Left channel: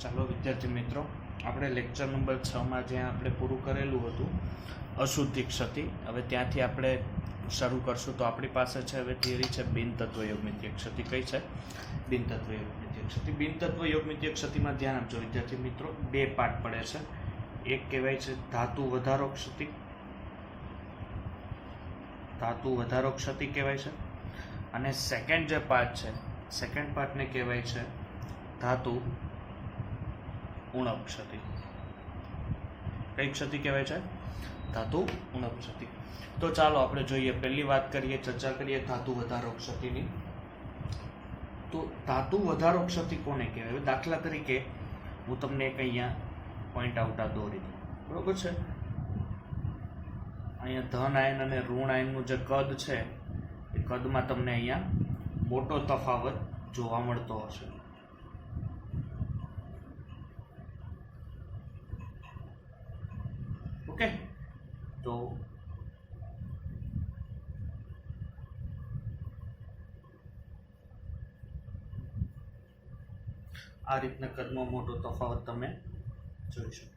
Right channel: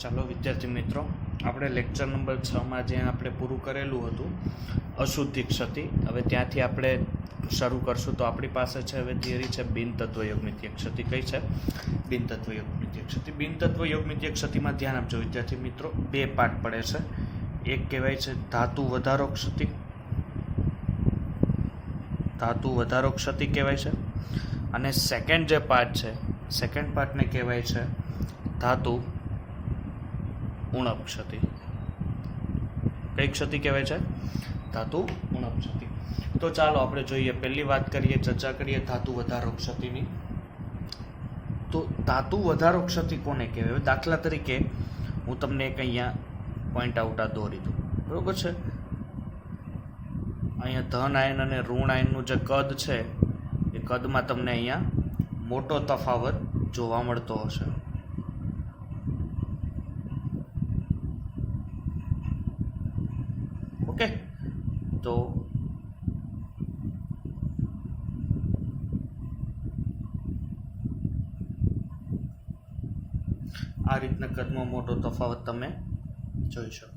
ચાલો વિદ્યાર્થી મિત્રો, આપણે લેક્ચર નંબર 6માં જ્યાં આપણે પૂરું કરેલું હતું અશુદ્ધિ ક્ષતિ, હવે ત્યાંથી આપણે શરૂ કરશું. તો આપણી પાસે છે હવે થિયરી છે બિનતત્વ યોગમિતીય ક્ષતિ. કઈ છે? બિનતત્વ યોગમિતીય ક્ષતિ. બિનતત્વ યોગમિતીય ક્ષતિમાં ધ્યાન આપજો વિદ્યાર્થી મિત્રો, બે પાર્ટ પડે છે. એક કહેવાય છે ધાતુ વધારો ક્ષતિ. ધાતુ વધારો ક્ષતિ કહેવાય છે. અને સેકન્ડ જે પાર્ટ છે, સેકન્ડ પાર્ટને કહેવાય છે ધાતુ ઉણપ ક્ષતિ. કઈ ક્ષતિ કહેવાય છે? ધાતુ ઉણપ ક્ષતિ. તો ચાલો આપણે જોઈએ. પહેલી વાત કરીએ, ચર્ચા કરીએ ધાતુ વધારો ક્ષતિની. તો ધાતુ વધારો ક્ષતિ કોને કહેવાય? દાખલા તરીકે હું તમને એક અહીંયા પોઈન્ટ આઉટ દોરી દઉં, બરોબર છે? અહીંયા ધન આયન અને ઋણ આયનનું જે કદ છે એ કદમાં તમને અહીંયા મોટો તફાવત જોવા મળતો હશે. ઓકે, તો આ રીતના કદમાં મોટો તફાવત તમે જોઈ શકો.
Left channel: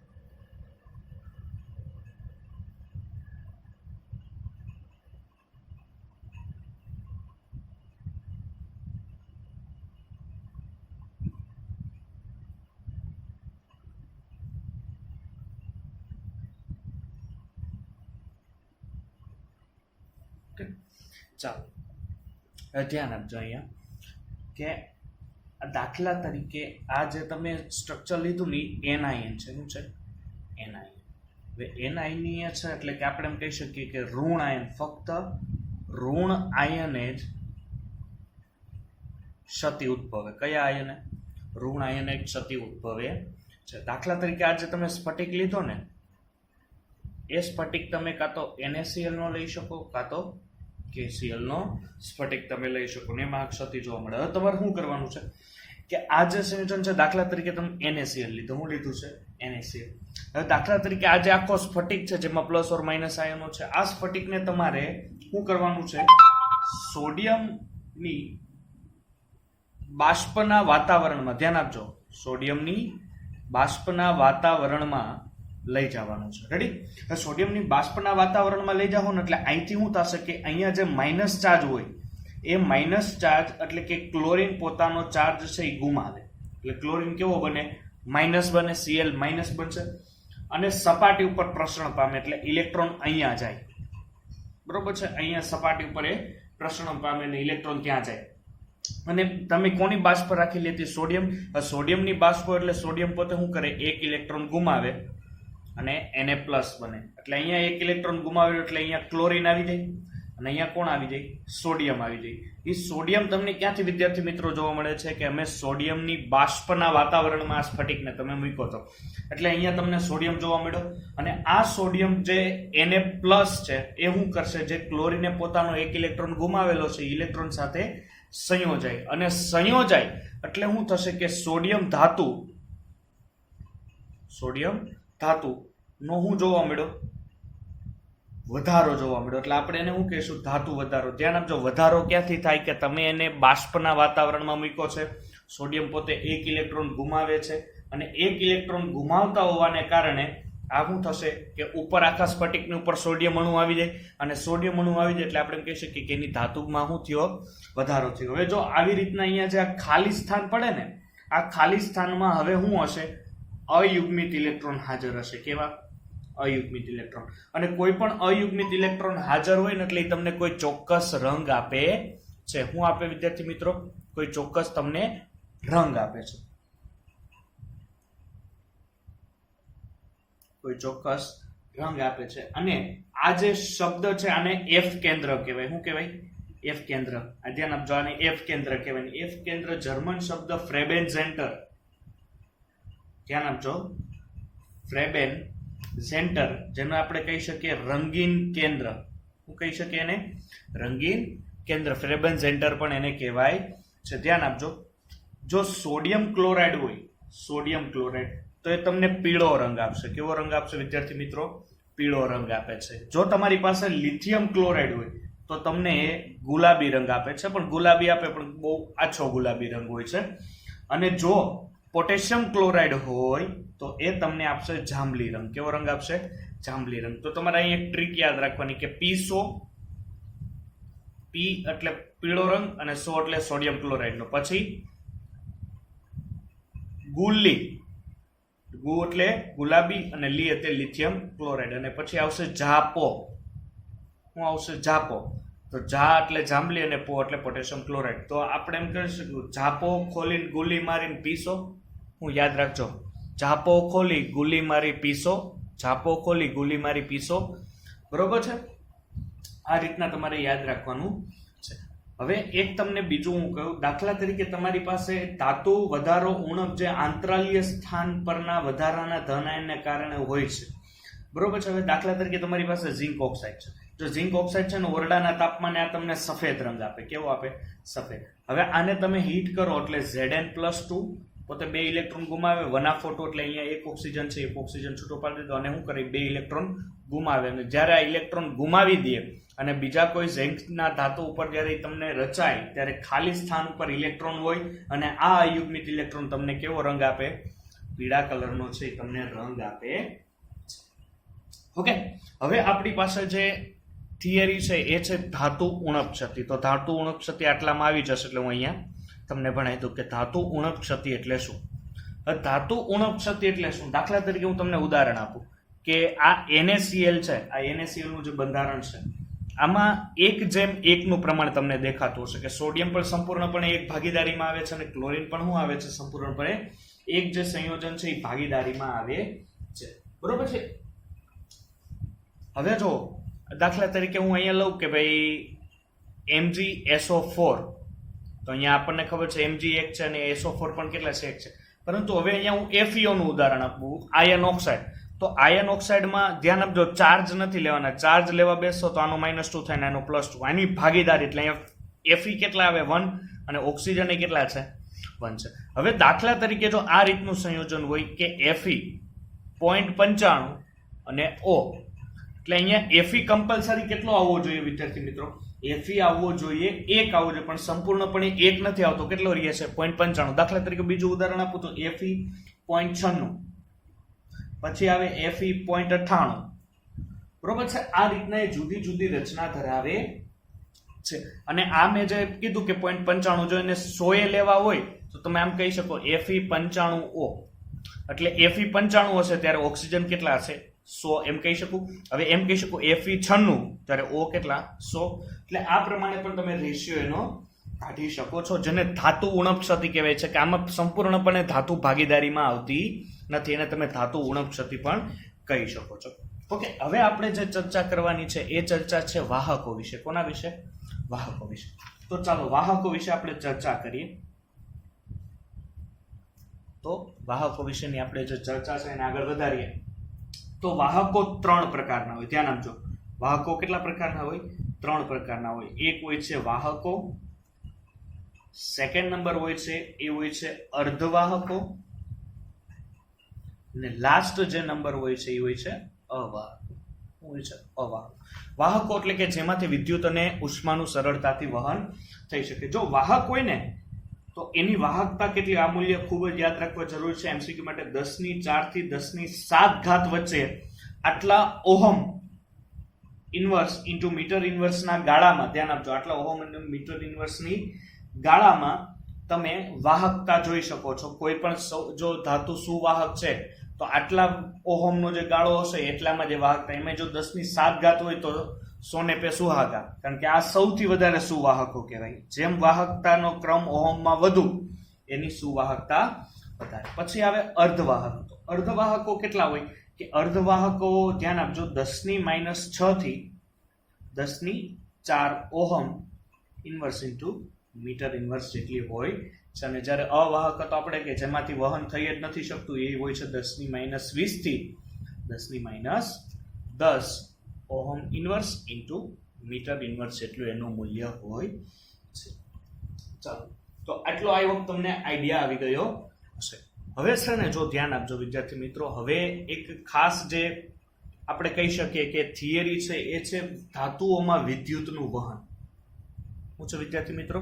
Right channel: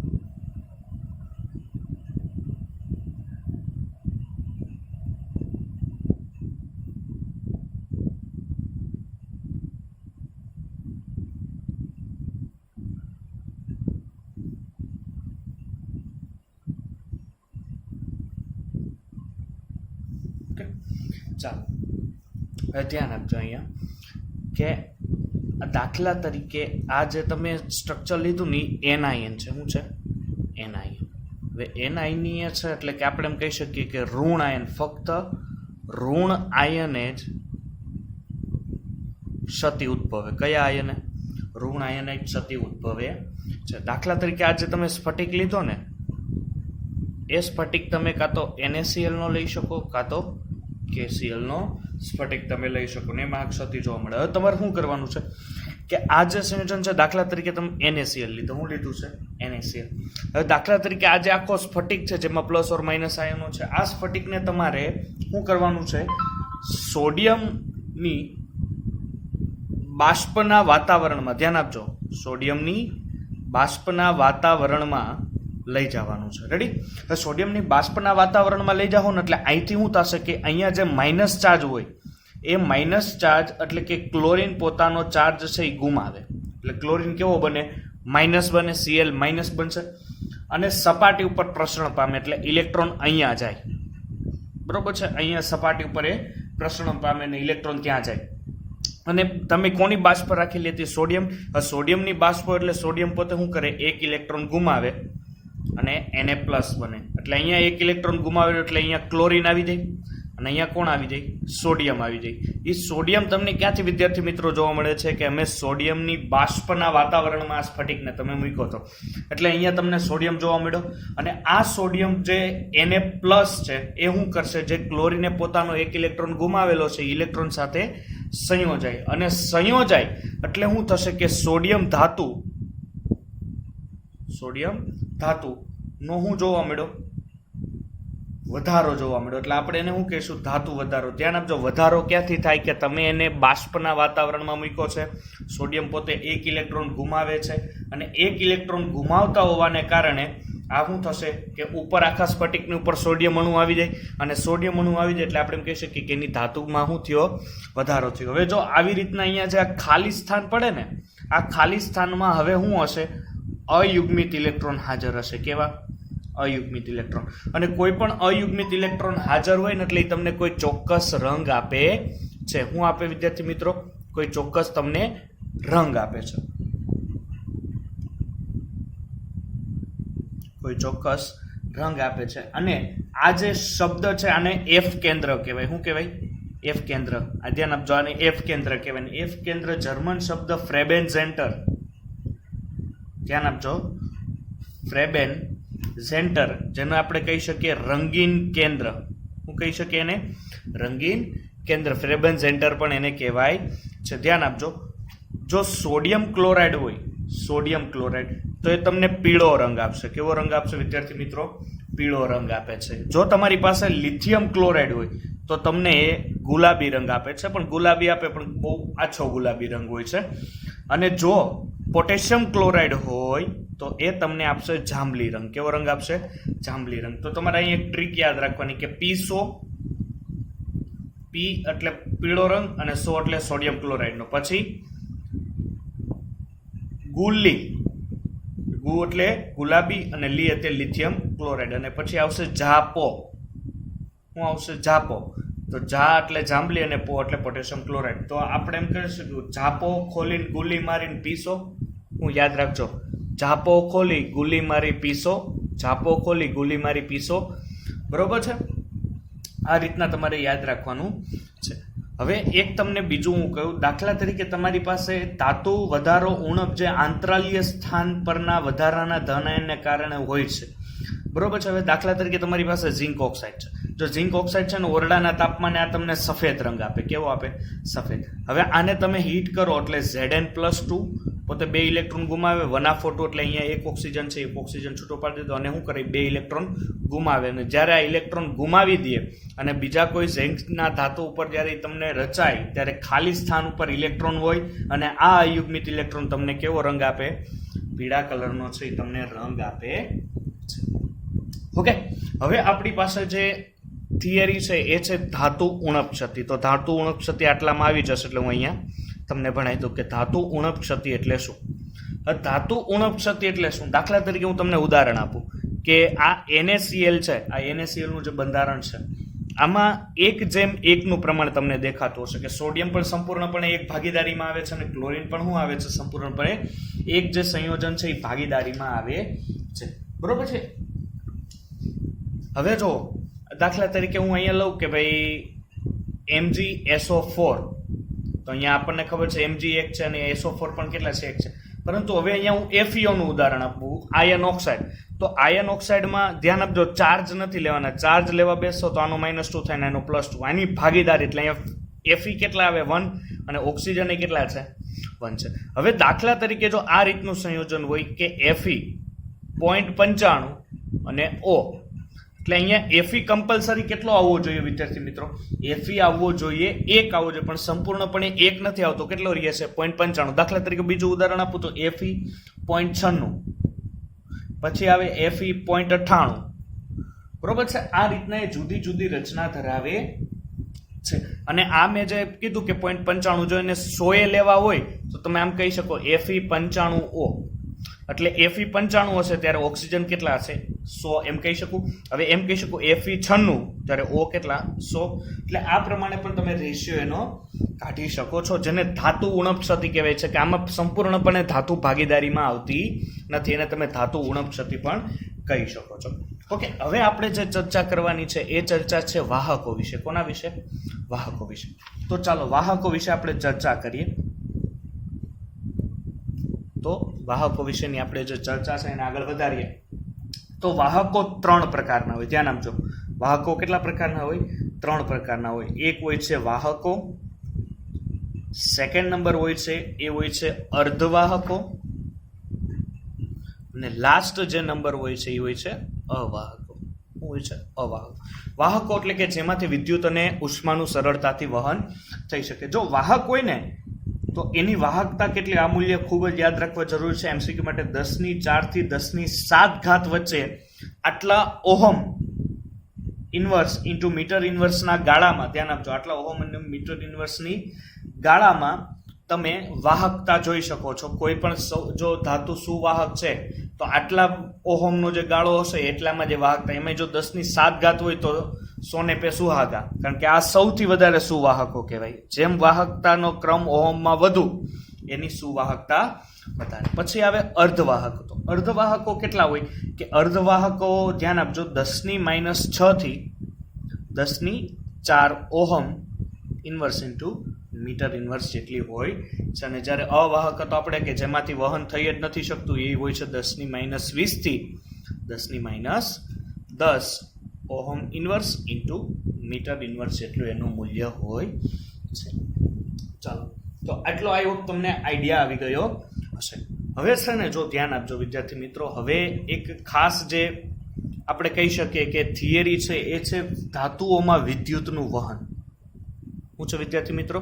ચાલો હવે ધ્યાન આપજો અહીંયા કે દાખલા તરીકે આ જે તમે સ્ટ્રક્ચર લીધું ને એનઆઈએન છે. શું છે? એનઆઈએન. હવે એનઆઈન છે એટલે કે આપણે એમ કહી શકીએ કે ઋણ આયન, ફક્ત ઋણ આયને જ ક્ષતિ ઉદ્ભવે. કયા આયને? ઋણ આયને જ ક્ષતિ ઉદ્ભવે છે. દાખલા તરીકે આ જે તમે સ્ફટિક લીધો ને, એ સ્ફટિક તમે કાં તો NaCl નો લઈ શકો, કાં તો KCl નો સ્ફટિક તમે લઈ શકો ને એમાં ક્ષતિ જોવા મળે. હવે તમારે શું કરવાનું છે કે આ જે સંયોજન છે, દાખલા તરીકે તમે NaCl લીધું. હું લીધું છે NaCl. હવે દાખલા તરીકે આ જે આખો સ્ફટિક છે જેમાં પ્લસ ઓર માઇનસ આયનો છે, આ સ્ફટિકને તમારે શું કરવાનું છે? સોડિયમની બાષ્પના વાતાવરણમાં, ધ્યાન આપજો, સોડિયમની બાષ્પના વાતાવરણમાં લઈ જવાનું છે. રેડી? હવે સોડિયમની બાષ્પના વાતાવરણમાં લઈ જાઓ ને એટલે અહીંથી શું થશે કે અહીંયા જે માઇનસ ચાર્જ હોય એ માઇનસ ચાર્જ એટલે કે ક્લોરીન પોતાનો ચાર્જ છે એ ગુમાવે. એટલે ક્લોરીન કેવો બને? માઇનસ બને, Cl માઇનસ બનશે અને સપાટી ઉપર પ્રસરણ પામે એટલે ઇલેક્ટ્રોન અહીંયા જાય. બરોબર છે? અહીંયા સપાટી ઉપર એ પ્રસરણ પામે ને ઇલેક્ટ્રોન ત્યાં જાય. અને તમે કોની બાષ્પ રાખી લેતી? સોડિયમ. સોડિયમની બાષ્પ એટલે સોડિયમ પોતે શું કરે? એક ઇલેક્ટ્રોન ગુમાવે અને Na પ્લસ બને. એટલે અહીંયા એક ઇલેક્ટ્રોન ગુમાવ્યો એટલે અહીંયા ક્લોરીન આવી જાય અને અહીંયા કોણ આવી જાય? સોડિયમ આવી જાય. એ સોડિયમ તમને ક્યાંથી વિદ્યાર્થી મિત્રો જોવા મળે છે કે અમે સોડિયમની બાષ્પના વાતાવરણમાં આ સ્ફટિકને તમે મૂક્યો હતો એટલે અહીંયા તમને સોડિયમ જોવા મળ્યો. અને આ સોડિયમ જે Na પ્લસ છે એ શું કરશે? જે ક્લોરીને પોતાનો એક ઇલેક્ટ્રોન ગુમાવેલો છે ઇલેક્ટ્રોન સાથે સંયોજાય. અને સંયોજાય એટલે શું થશે કે સોડિયમ ધાતુ નો શું જોવા મળ્યો? વધારો જોવા મળ્યો. એટલે આપણે એને શું કહીશું? ધાતુ વધારો. ધ્યાન આપજો, વધારો ક્યાંથી થાય કે તમે એને બાષ્પના વાતાવરણમાં મૂક્યો છે, સોડિયમ પોતે એક ઇલેક્ટ્રોન ગુમાવે છે અને એક ઇલેક્ટ્રોન ગુમાવતા હોવાને કારણે આ શું થશે કે ઉપર આખા સ્ફટિકની ઉપર સોડિયમ અણુ આવી જાય અને સોડિયમ અણુ આવી જાય એટલે આપણે એમ કહી શકીએ કે એની ધાતુમાં શું થયો? વધારો થયો. હવે જો આવી રીતના અહીંયા જે આ ખાલી સ્થાન પડે ને, આ ખાલી સ્થાનમાં હવે શું હશે? અયુગ્મિત ઇલેક્ટ્રોન હાજર હશે. કેવા? અયુગ્મિત ઇલેક્ટ્રોન. અને કોઈ પણ અયુગ્મિત ઇલેક્ટ્રોન હાજર હોય ને એટલે તમને કોઈ ચોક્કસ રંગ આપે છે. શું આપે વિદ્યાર્થી મિત્રો? કોઈ ચોક્કસ તમને રંગ આપે છે. કોઈ ચોક્કસ રંગ આપે છે. અને આ જે શબ્દ છે આને F કેન્દ્ર કહેવાય. શું કહેવાય? F કેન્દ્ર. આ ધ્યાન આપજો, આને F કેન્દ્ર કહેવાય. F કેન્દ્ર જર્મન શબ્દ ફ્રેબેન સેન્ટર. ધ્યાન આપજો, ફ્રેબેન સેન્ટર, જેને આપણે કહી શકીએ રંગીન કેન્દ્ર. શું કહી શકીએ એને? રંગીન કેન્દ્ર. ફ્રેબેન સેન્ટર પણ એને કહેવાય છે. ધ્યાન આપજો, જો સોડિયમ ક્લોરાઇડ હોય, સોડિયમ ક્લોરાઇડ, તો એ તમને પીળો રંગ આપશે. કેવો રંગ આપશે વિદ્યાર્થી મિત્રો? પીળો રંગ આપે છે. જો તમારી પાસે લિથિયમ ક્લોરાઇડ હોય તો તમને એ ગુલાબી રંગ આપે છે, પણ ગુલાબી આપે પણ બહુ આછો ગુલાબી રંગ હોય છે. અને જો પોટેશિયમ ક્લોરાઇડ હોય તો એ તમને આપશે જાંબલી રંગ. કેવો રંગ આપશે? જાંબલી રંગ. તો તમારે અહીં એક ટ્રીક યાદ રાખવાની કે પીસો, પી એટલે પીળો રંગ અને સો એટલે સોડિયમ ક્લોરાઇડનો. પછી ગુલ્લી, ગુ એટલે ગુલાબી અને લી એટલે લિથિયમ ક્લોરાઇડ. અને પછી આવશે જાપો. શું આવશે? જાપો. તો જા એટલે જાંબલી અને પો એટલે પોટેશિયમ ક્લોરાઇડ. તો આપણે એમ કહી શકીએ જાપો ખોલીને ગુલ્લી મારીને પીસો. હું યાદ રાખજો, જાપો ખોલી ગુલ્લી મારી પીસો, જાપો ખોલી ગુલ્લી મારી પીસો. બરોબર છે? આ રીતના તમારે યાદ રાખવાનું છે. હવે એક તમને બીજું હું કહું, દાખલા તરીકે તમારી પાસે ધાતુ વધારો ઉણપ જે આંતરાલીય સ્થાન પરના વધારાના ધન આયનને કારણે હોય છે. બરોબર છે? હવે દાખલા તરીકે તમારી પાસે ઝિંક ઓક્સાઇડ છે. જો ઝિંક ઓક્સાઇડ છે ને ઓરડાના તાપમાને આ તમને સફેદ રંગ આપે. કેવો આપે? સફેદ. હવે આને તમે હીટ કરો એટલે Zn+2 પોતે 2 ઇલેક્ટ્રોન ગુમાવે, 1/4 એટલે અહીંયા એક ઓક્સિજન છે, એક ઓક્સિજન છૂટો પાડી દીધો અને શું કરે? 2 ઇલેક્ટ્રોન ગુમાવે. અને જ્યારે આ ઇલેક્ટ્રોન ગુમાવી દે અને બીજા કોઈ ઝિંકના ધાતુ ઉપર જ્યારે તમને રચાય ત્યારે ખાલી સ્થાન ઉપર ઇલેક્ટ્રોન હોય અને આ અયુગ્મિત ઇલેક્ટ્રોન તમને કેવો રંગ આપે? પીળા કલરનો છે, એ તમને રંગ આપે. ઓકે, હવે આપણી પાસે જે થિયરી છે એ છે ધાતુ ઉણપ ક્ષતિ. તો ધાતુ ઉણપ ક્ષતિ આટલામાં આવી જશે એટલે હું અહીંયા તમને ભણાવી દઉં કે ધાતુ ઉણપ ક્ષતિ એટલે શું. ધાતુ ઉણપ ક્ષતિ એટલે શું? દાખલા તરીકે હું તમને ઉદાહરણ આપું કે આ NaCl છે, આ NaCl નું જે બંધારણ છે આમાં 1:1 નું પ્રમાણ તમને દેખાતું હશે કે સોડિયમ પણ સંપૂર્ણપણે એક ભાગીદારીમાં આવે છે અને ક્લોરીન પણ શું આવે છે? સંપૂર્ણપણે એક જે સંયોજન છે એ ભાગીદારીમાં આવે છે. બરોબર છે? હવે જો દાખલા તરીકે હું અહીંયા લઉં કે ભાઈ MgSO4, તો અહીંયા આપણને ખબર છે Mg એક છે અને SO4 પણ કેટલા છે? એક છે. પરંતુ હવે અહીંયા હું FeO નું ઉદાહરણ આપું, આયર્ન ઓક્સાઇડ. તો આયર્ન ઓક્સાઇડમાં ધ્યાન આપજો, ચાર્જ નથી લેવાના. ચાર્જ લેવા બેસો તો આનો -2 થાય ને આનો +2. આની ભાગીદારી એટલે અહીંયા Fe કેટલા આવે? 1 અને ઓક્સિજન એ કેટલા છે? 1 છે. હવે દાખલા તરીકે જો આ રીતનું સંયોજન હોય કે Fe 0.95 અને O, એટલે અહીંયા Fe કમ્પલસરી કેટલો આવવો જોઈએ વિદ્યાર્થી મિત્રો? Fe આવવો જોઈએ 1 આવવો જોઈએ, પણ સંપૂર્ણપણે 1 નથી આવતો. કેટલો રહે છે? 0.95. દાખલા તરીકે બીજું ઉદાહરણ આપું તો Fe 0.96, પછી આવે Fe 0.98. બરોબર છે? આ રીતના એ જુદી જુદી રચના ધરાવે છે. અને આ મેં જે કીધું કે 0.95 જો એને 100 લેવા હોય તો તમે આમ કહી શકો Fe 95O. એટલે Fe 95 હશે ત્યારે ઓક્સિજન કેટલા હશે? 100 એમ કહી શકું. હવે એમ કહી શકું Fe 96 ત્યારે O કેટલા? 100. એટલે આ પ્રમાણે પણ તમે રેશિયો એનો કાઢી શકો છો, જેને ધાતુ ઉણપ ક્ષતિ કહેવાય છે. કે આમાં સંપૂર્ણપણે ધાતુ ભાગીદારીમાં આવતી નથી, એને તમે ધાતુ ઉણપ ક્ષતિ પણ કહી શકો છો. ઓકે, હવે આપણે જે ચર્ચા કરવાની છે એ ચર્ચા છે વાહકો વિશે. કોના વિશે? વાહકો વિશે. તો ચાલો વાહકો વિશે આપણે ચર્ચા કરીએ. તો વાહકો વિશેની આપણે જે ચર્ચા છે એને આગળ વધારીએ. તો વાહકો 3 પ્રકારના હોય. ધ્યાન આપજો, વાહકો કેટલા પ્રકારના હોય? 3 પ્રકારના હોય. એક હોય છે વાહકો, સેકન્ડ નંબર હોય છે એ હોય છે અર્ધવાહકો, અને લાસ્ટ જે નંબર હોય છે એ હોય છે અવાહકો. શું હોય છે? અવાહકો. વાહકો એટલે કે જેમાંથી વિદ્યુત અને ઉષ્માનું સરળતાથી વહન થઈ શકે. જો વાહક હોય ને તો એની વાહકતા કેટલી? આ મૂલ્ય ખૂબ જ યાદ રાખવા જરૂર છે MCQ માટે. 10⁴ થી 10⁷ વચ્ચે આટલા ઓહમ ઇન્વર્સ ઇન્ટુ મીટર ઇન્વર્સના ગાળામાં, ધ્યાન આપજો, આટલા ઓહમ ઇન્ટુ મીટર ઇન્વર્સની ગાળામાં તમે વાહકતા જોઈ શકો છો. કોઈ પણ જો ધાતુ સુવાહક છે તો આટલા ઓહમનો જે ગાળો હશે એટલામાં જે વાહકતા, એમાં જો 10⁷ હોય તો 100 पे સુહાગા, કારણ કે આ સૌથી વધારે સુવાહકો કહેવાય. જેમ વાહકતાનો ક્રમ ઓહમમાં વધુ એની સુવાહકતા વધારે. પછી આવે અર્ધવાહકો. તો અર્ધવાહકો કેટલા હોય? કે અર્ધવાહકો ધ્યાન આપજો 10⁻6 થી 10⁴ ohm inverse into metre inverse જેટલી હોય છે. અને જ્યારે અવાહક તો આપણે કે જેમાંથી વહન થઈ જ નથી શકતું એ હોય છે 10⁻20 થી 10⁻10 ohm inverse into metre inverse જેટલું એનું મૂલ્ય હોય છે. ચાલો, તો આટલો આઈ હોપ તમને આઈડિયા આવી ગયો હશે. હવે છે ને જો ધ્યાન આપજો વિદ્યાર્થી મિત્રો, હવે એક ખાસ જે આપણે કહી શકીએ કે થિયરી છે એ છે ધાતુઓમાં વિદ્યુતનું વહન. શું છે વિદ્યાર્થી મિત્રો?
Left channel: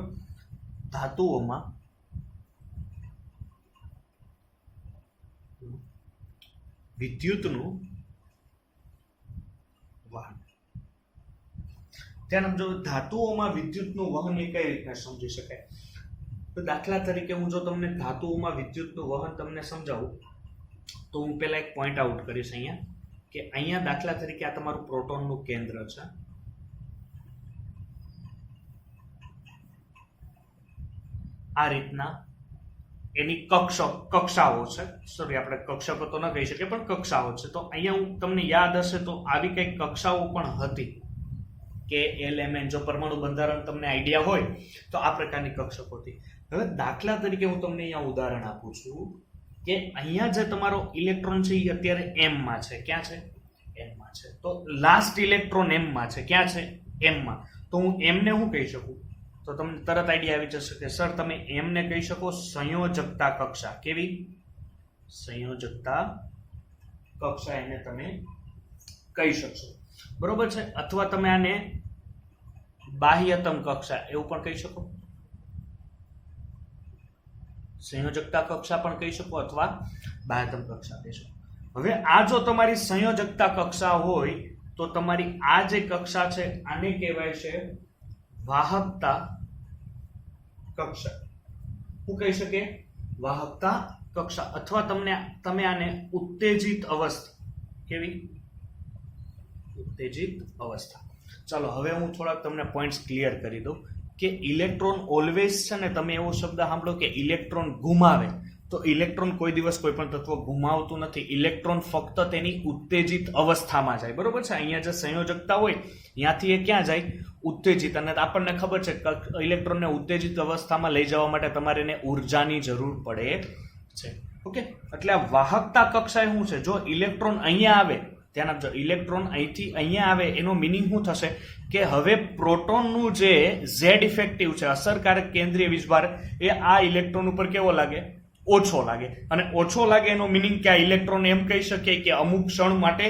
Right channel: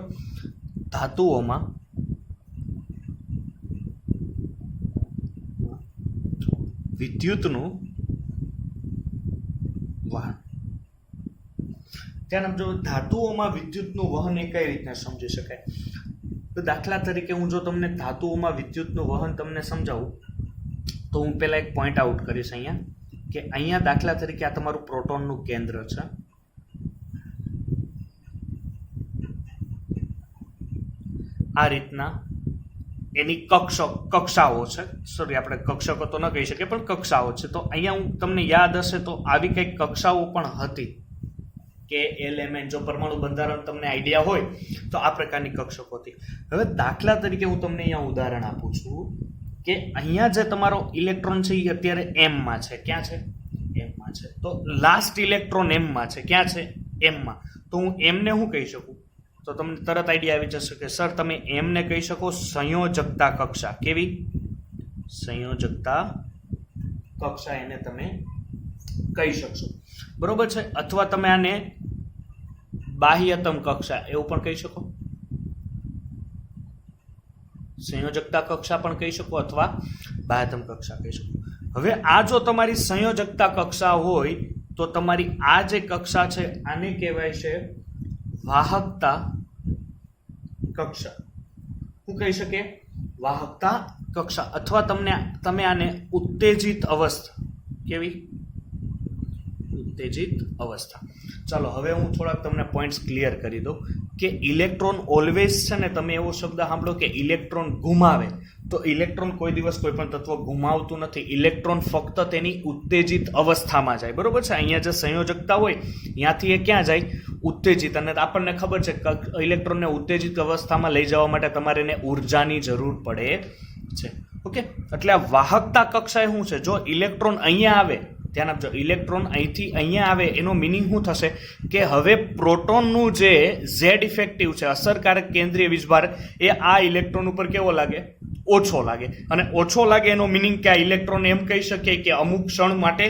ધાતુઓમાં વિદ્યુતનું વહન. ધ્યાન આપજો, ધાતુઓમાં વિદ્યુતનું વહન એ કઈ રીતે સમજી શકાય? તો દાખલા તરીકે હું જો તમને ધાતુઓમાં વિદ્યુતનું વહન તમને સમજાવું તો હું પહેલા એક પોઈન્ટ આઉટ કરીશ અહીંયા, કે અહીંયા દાખલા તરીકે આ તમારું પ્રોટોનનું કેન્દ્ર છે. આ રીતના એની કક્ષાઓ છે, સોરી આપણે કક્ષકો તો ન કહી શકીએ પણ કક્ષાઓ છે. તો અહીંયા હું તમને યાદ હશે તો આવી કઈક કક્ષાઓ પણ હતી કે એલિમેન્ટ, જો પરમાણુ બંધારણ તમને આઈડિયા હોય તો આ પ્રકારની કક્ષકો હતી. હવે દાખલા તરીકે હું તમને અહીંયા ઉદાહરણ આપું છું કે અહીંયા જે તમારો ઇલેક્ટ્રોન છે એ અત્યારે m માં છે. ક્યાં છે? m માં છે. તો લાસ્ટ ઇલેક્ટ્રોન m માં છે. ક્યાં છે? m માં. તો હું m ને શું કહી શકું? તો તમને તરત આઈડિયા આવી જશે કે સર તમે m ને કહી શકો સંયોજકતા કક્ષા. કેવી? સંયોજકતા કક્ષા એને તમે કહી શકશો, બરોબર છે. અથવા તમે આને બાહ્યતમ કક્ષા એવું પણ કહી શકો, સંયોજકતા કક્ષા પણ કહી શકો અથવા બાહ્યતમ કક્ષા કહી શકો. હવે આ જો તમારી સંયોજકતા કક્ષા હોય તો તમારી આ જે કક્ષા છે આને કહેવાય છે વાહકતા કક્ષા. શું કહી શકે? વાહકતા કક્ષા. અથવા તમે આને ઉત્તેજિત અવસ્થા. કેવી? ઉત્તેજિત અવસ્થા. ચાલો હવે હું થોડાક તમને પોઈન્ટ્સ ક્લિયર કરી દઉં કે ઇલેક્ટ્રોન ઓલવેઝ છે ને, તમે એવો શબ્દ સાંભળો કે ઇલેક્ટ્રોન ગુમાવે, તો ઇલેક્ટ્રોન કોઈ દિવસ કોઈ પણ તત્વ ગુમાવતું નથી. ઇલેક્ટ્રોન ફક્ત તેની ઉત્તેજિત અવસ્થામાં જાય, બરોબર છે. અહીંયા જે સંયોજકતા હોય ત્યાંથી એ ક્યાં જાય? ઉત્તેજિત. અને આપણને ખબર છે કે ઇલેક્ટ્રોનને ઉત્તેજિત અવસ્થામાં લઈ જવા માટે તમારે એને ઉર્જાની જરૂર પડે છે. ઓકે, એટલે આ વાહકતા કક્ષા શું છે? જો ઇલેક્ટ્રોન અહીંયા આવે, ધ્યાન આપજો, ઇલેક્ટ્રોન અહીંથી અહીંયા આવે એનો મિનિંગ શું થશે કે હવે પ્રોટોનનું જે ઝેડ ઇફેક્ટિવ છે, અસરકારક કેન્દ્રીય વીજભાર, એ આ ઇલેક્ટ્રોન ઉપર કેવો લાગે? ઓછો લાગે. અને ઓછો લાગે એનો મિનિંગ કે આ ઇલેક્ટ્રોન એમ કહી શકીએ કે અમુક ક્ષણ માટે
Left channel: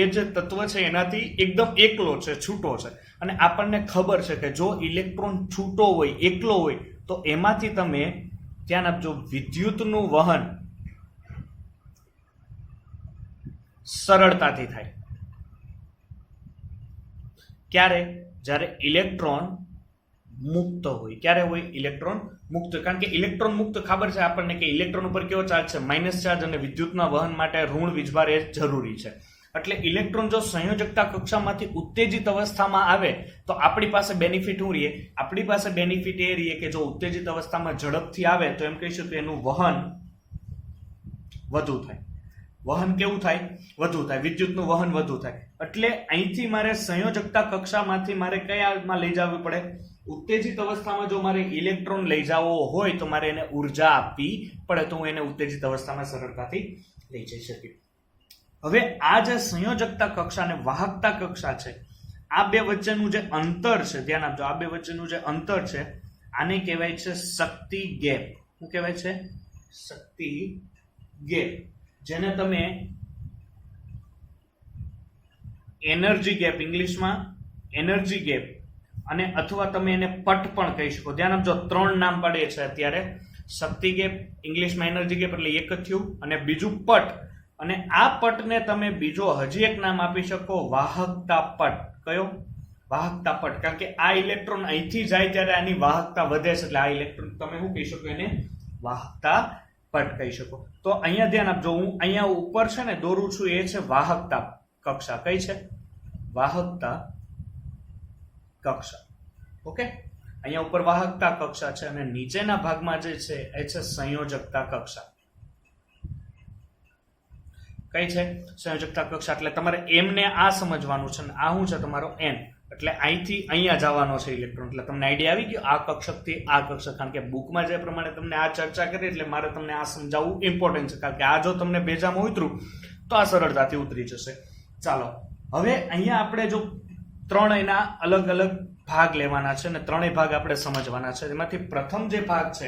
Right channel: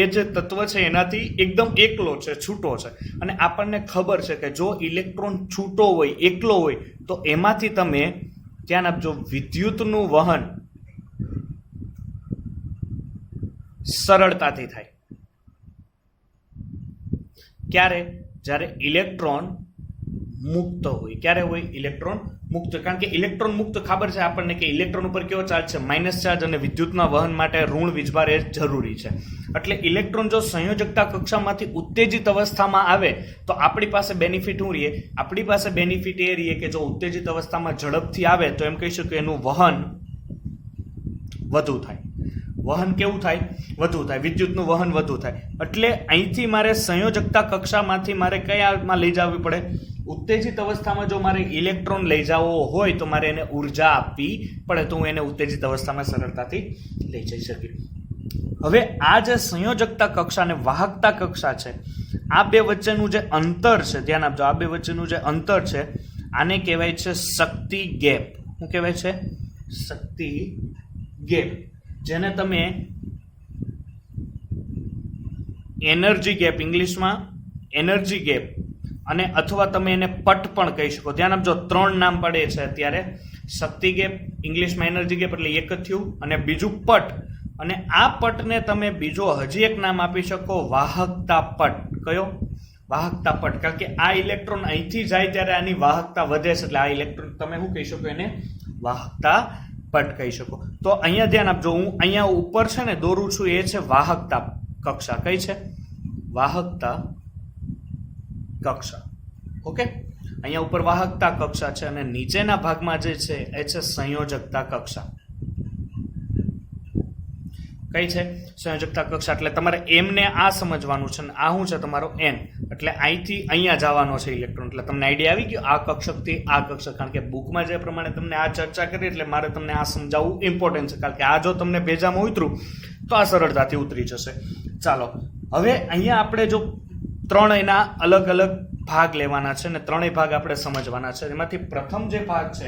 એ જે તત્વ છે એનાથી એકદમ એકલો છે, છૂટો છે. અને આપણને ખબર છે કે જો ઇલેક્ટ્રોન છૂટો હોય, એકલો હોય, તો એમાંથી તમે ધ્યાન આપજો વિદ્યુતનું વહન સરળતાથી થાય. ક્યારે? જ્યારે ઇલેક્ટ્રોન મુક્ત હોય. ક્યારે હોય? ઇલેક્ટ્રોન મુક્ત. કારણ કે ઇલેક્ટ્રોન મુક્ત ખબર છે આપણને કે ઇલેક્ટ્રોન ઉપર કેવો ચાર્જ છે? Minus charge. અને વિદ્યુતના વહન માટે ઋણ વીજભાર એ જરૂરી છે. એટલે ઇલેક્ટ્રોન જો સંયોજકતા કક્ષામાંથી ઉત્તેજિત અવસ્થામાં આવે તો આપણી પાસે બેનિફિટ શું રહીએ? આપણી પાસે બેનિફિટ એ રહીએ કે જો ઉત્તેજિત અવસ્થામાં ઝડપથી આવે તો એમ કહીશું કે એનું વહન વધુ થાય. વહન કેવું થાય? વધુ થાય. વિદ્યુતનું વહન વધુ થાય. એટલે અહીંથી મારે સંયોજકતા કક્ષામાંથી મારે કયામાં લઈ જવી પડે? ઉત્તેજિત અવસ્થામાં જો મારે ઇલેક્ટ્રોન લઈ જવો હોય તો મારે એને ઉર્જા આપવી પડે, તો હું એને ઉત્તેજિત અવસ્થામાં સરળતાથી લઈ જઈ શકીશ. હવે આ જે સંયોજકતા કક્ષા અને વાહકતા કક્ષા છે, આ બે વચ્ચેનું જે અંતર છે, ધ્યાન આપજો, આ બે વચ્ચેનું જે અંતર છે આને કહેવાય છે શક્તિ ગેપ. શું કહેવાય છે? શક્તિ ગેપ. જેને તમે એનર્જી ગેપ, ઇંગ્લિશમાં એનર્જી ગેપ, અને અથવા તમે એને પટ પણ કહી શકો. ધ્યાન આપજો, 3 નામ પડે છે અત્યારે. શક્તિ ગેપ, ઇંગ્લિશમાં એનર્જી ગેપ એટલે એક જ થયું, અને બીજું પટ. અને આ પટને તમે બીજો હજી એક નામ આપી શકો, વાહકતા પટ. કયો? વાહકતા પટ. કારણ કે આ ઇલેક્ટ્રોન અહીંથી જાય ત્યારે આની વાહકતા વધે છે, એટલે આ ઇલેક્ટ્રોન તમે શું કહી શકો? એને વાહકતા પટ કહી શકો. તો અહીંયા ધ્યાન આપજો, હું અહીંયા ઉપર છે ને દોરું છું, એ છે વાહકતા કક્ષા. કઈ છે? વાહકતા કક્ષા. ઓકે, અહીંયા ઉપર વાહકતા કક્ષા છે અને નીચેના ભાગમાં જે છે એ છે સંયોજકતા કક્ષા. કઈ છે? સંયોજકતા કક્ષા. એટલે તમારે એમ ને આ સમજવાનું છે ને આ શું છે? તમારો એન. એટલે અહીંથી અહીંયા જવાનો છે ઇલેક્ટ્રોન. એટલે તમને આઈડિયા આવી ગયો આ કક્ષકથી આ કક્ષક. કારણ કે બુકમાં જે પ્રમાણે તમને આ ચર્ચા કરી એટલે મારે તમને આ સમજાવવું ઇમ્પોર્ટન્ટ છે. કારણ કે આ જો તમને ભેજામાં ઉતરું તો આ સરળતાથી ઉતરી જશે. ચાલો હવે અહીંયા આપણે જો 3 એના અલગ અલગ ભાગ લેવાના છે અને 3 ભાગ આપણે સમજવાના છે. એમાંથી પ્રથમ જે ભાગ છે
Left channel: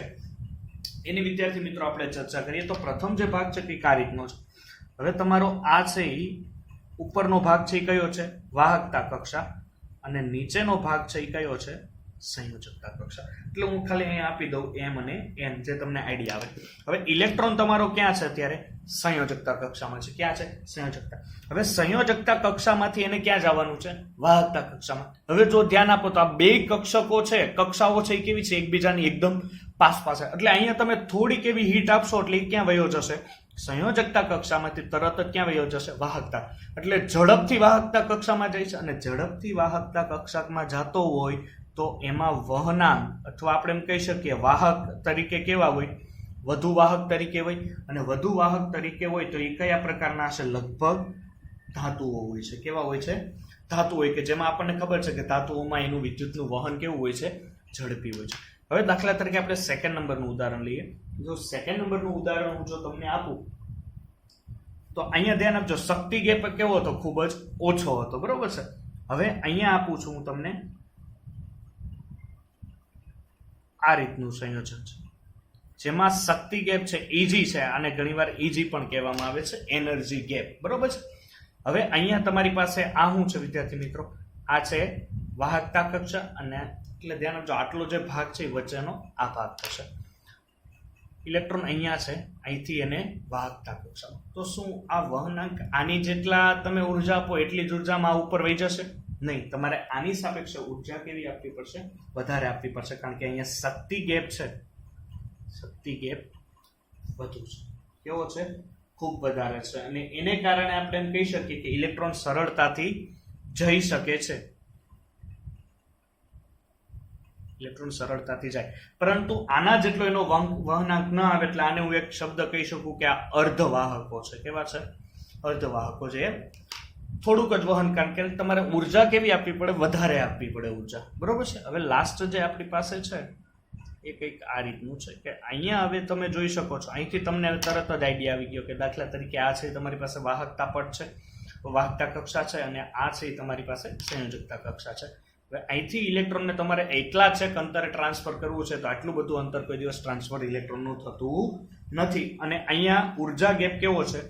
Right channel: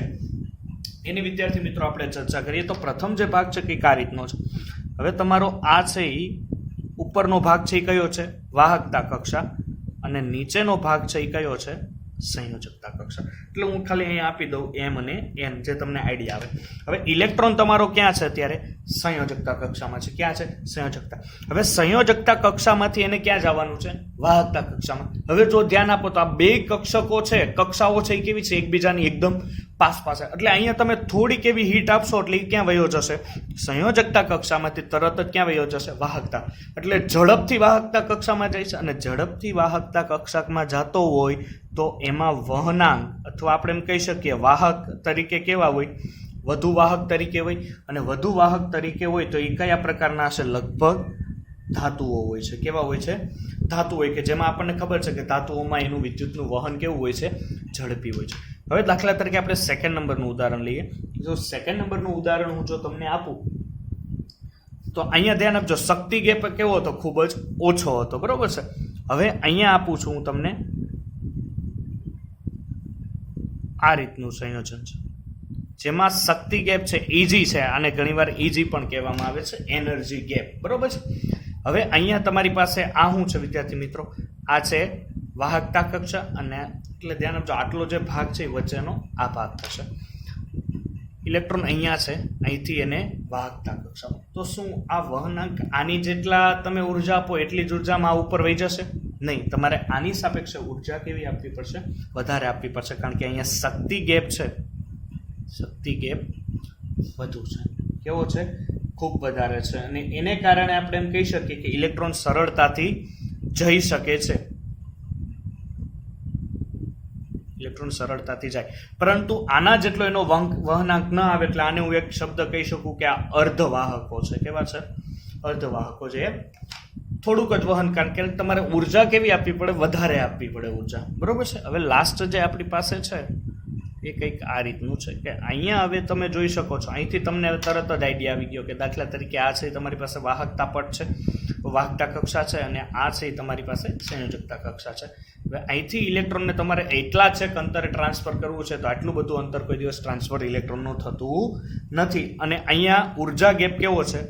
એની વિદ્યાર્થી મિત્રો આપણે ચર્ચા કરીએ. તો પ્રથમ જે ભાગ છે કે આ રીતનો છે. હવે તમારો આ છે એ ઉપરનો ભાગ છે એ કયો છે? વાહકતા કક્ષા. અને નીચેનો ભાગ છે એ કયો છે? સંયોજકતા કક્ષા. એટલે હું ખાલી અહીંયા આપી દઉં એમ અને એન, જે તમને આઈડિયા આવે. હવે ઇલેક્ટ્રોન તમારો ક્યાં છે અત્યારે? સંયોજકતા કક્ષામાં છે. ક્યાં છે? સંયોજકતા. હવે સંયોજકતા કક્ષામાંથી એને ક્યાં જવાનું છે? વાહકતા કક્ષામાં. હવે જો ધ્યાન આપો તો આ બે કક્ષકો છે, કક્ષાઓ છે, એ કેવી છે? એકબીજાની એકદમ પાસ પાસે. એટલે અહીંયા તમે થોડીક એવી હીટ આપશો એટલે એ ક્યાં વયો જશે? સંયોજકતા કક્ષામાંથી તરત જ ક્યાં વયો જશે? વાહકતા. એટલે ઝડપથી વાહકતા કક્ષામાં જાય છે, અને ઝડપથી વાહકતા કક્ષામાં જતો હોય તો એમાં વહનાંક અથવા આપણે એમ કહી શકીએ વાહક તરીકે કેવા હોય? વધુ વાહક તરીકે હોય. અને વધુ વાહક તરીકે હોય તો એ કયા પ્રકારના હશે? લગભગ ધાતુઓ હોય છે. કેવા હોય છે? ધાતુ હોય, કે જેમાં આપણને ખબર છે કે ધાતુઓમાં એનું વિદ્યુતનું વહન કેવું હોય છે? ઝડપી હોય છે. હવે દાખલા તરીકે આપણે સેકન્ડ નંબરનું ઉદાહરણ લઈએ. જો સેકન્ડ નંબરનું ઉદાહરણ હું જો તમને આપું તો અહીંયા ધ્યાન આપજો, શક્તિ ગેપ કેવો હતો? ખૂબ જ ઓછો હતો. બરોબર છે. હવે અહીંયા આપું છું હું તમને આ રીતનું સંયોજન છે, જેમાં શક્તિ ગેપ છે ઈજી છે, અને ઘણીવાર ઈજી પણ કહેવામાં આવે છે, એનર્જી ગેપ. બરોબર છે. હવે અહીંયા તમારી પાસે આ શું છે વિદ્યાર્થી મિત્રો? આ છે વાહકતા કક્ષા, અને એટલે ધ્યાન આપજો આટલો જે ભાગ છે એ વચ્ચેનો આ ભાગ થશે. ઇલેક્ટ્રોન અહીંયા છે, અહીંથી એને વાહકતા કક્ષામાં. તો શું આ વહનાંક આની જેટલા તમે ઉર્જા આપો એટલી જ ઉર્જામાં આ ઉપર વહી જશે? નહીં. તમારે આની સાપેક્ષે ઉર્જા કેવી આપવી પડશે? વધારે આપવી પડશે, કારણ કે અહીંયા શક્તિ ગેપ છે, શક્તિ ગેપ વધુ છે. કેવો છે? ખૂબ વધારે છે. અને એને કારણે આપણે એમ કહી શકીએ કે ઇલેક્ટ્રોન સરળતાથી જઈ શકે છે. ઇલેક્ટ્રોન સરળતાથી જાય, પરંતુ આના જેટલો એનો વહનાંક ન આવે, એટલે આને હું એક શબ્દ કહી શકું કે આ અર્ધવાહકો છે. કેવા છે? અર્ધવાહકો છે. થોડુંક જ વહન, કારણ કે તમારે ઉર્જા કેવી આપવી પડે? વધારે આપવી પડે ઉર્જા. બરોબર છે. હવે લાસ્ટ જે આપણી પાસે છે એ કંઈક આ રીતનું છે, કે અહીંયા હવે તમે જોઈ શકો છો, અહીંથી તમને તરત જ આઈડિયા આવી ગયો કે દાખલા તરીકે આ છે તમારી પાસે વાહકતા પટ છે, વાહકતા કક્ષા છે, અને આ છે તમારી પાસે સંયોજકતા કક્ષા છે. હવે અહીંથી ઇલેક્ટ્રોનને તમારે એટલા છે કે અંતરે ટ્રાન્સફર કરવું છે, તો આટલું બધું અંતર કોઈ દિવસ ટ્રાન્સફર ઇલેક્ટ્રોનનું થતું નથી. અને અહીંયા ઉર્જા ગેપ કેવો છે?